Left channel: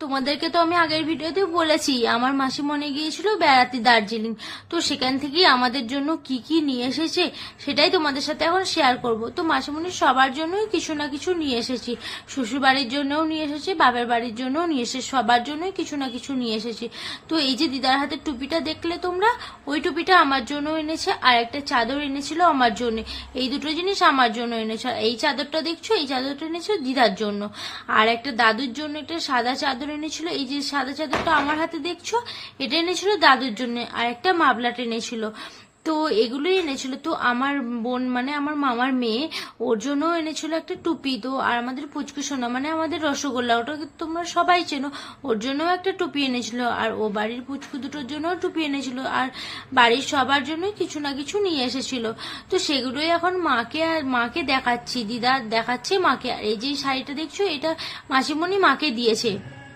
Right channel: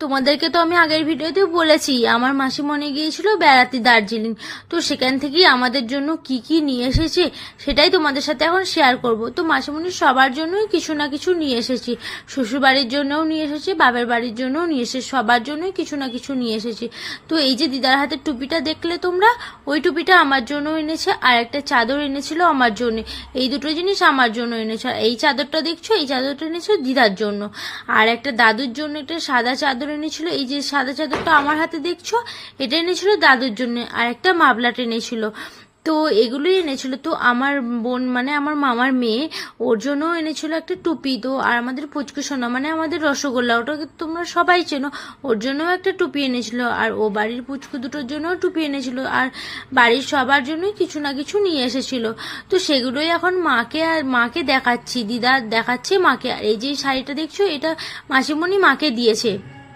তোমাদেরকে তো আমি আগের ভিডিওতে বলেছি আমার মাসিমণি গিয়েছিল বেড়াতে দার্জিলিং। তো সেখান থেকেই আমাদের জন্য কি কি নিয়ে এসেছে সেটাই তোমাদের সাথে এখন শেয়ার করব। তো মাসিমণি সবার জন্যই কিছু না কিছু নিয়ে এসেছি, শ্বশুর বাড়ির জন্যও নিয়ে এসেছি, বাবার বাড়ির জন্যও নিয়ে এসেছি, সবার জন্যই কিছু না কিছু নিয়ে এসেছি। তো এই যে দিদার হাতের টুপিটা দেখলে তোমরা, ওই টুপিটা আমার জন্য এনেছে, আর একটা চাদর এনেছিল আমার জন্য। এই দুটো জিনিস আমার জন্য এনেছে। আর এই চাদরটা দেখছো, এই চাদরটা এনেছিল দিদার জন্য। আর একটা দাদুর জন্য একটা সাদা চাদর এনেছিল, এই যে সাদা চাদরটা আমার হাতে দেখছো, এটা এনেছিল দাদুর জন্য। আর একটা মাফলার এনেছিল। তো এগুলোই এনেছিল। তো আমার বোন মানে আমার মামার মেয়ে, ওর জন্য এনেছিল একটা টুপি। তো আর আমাদের পুচকু সোনা মানে আমাদের রসগোল্লা, ওটাকে তোমরা সবাই চেনো, ওর জন্যও একটা টুপি এনেছিল। আর ও বাড়ির পুচকু দুটোর জন্যও টুপি এনেছিল। আর বাড়ির সবার জন্যই কিছু না কিছু নিয়ে এসেছিল। তো সেগুলোই এখন মাকে দেখাচ্ছি, দিদা দেখাচ্ছে মাকে। আর এই যে শাড়িটা দেখছো, এটা মাসিমণি মাকে দিয়েছে।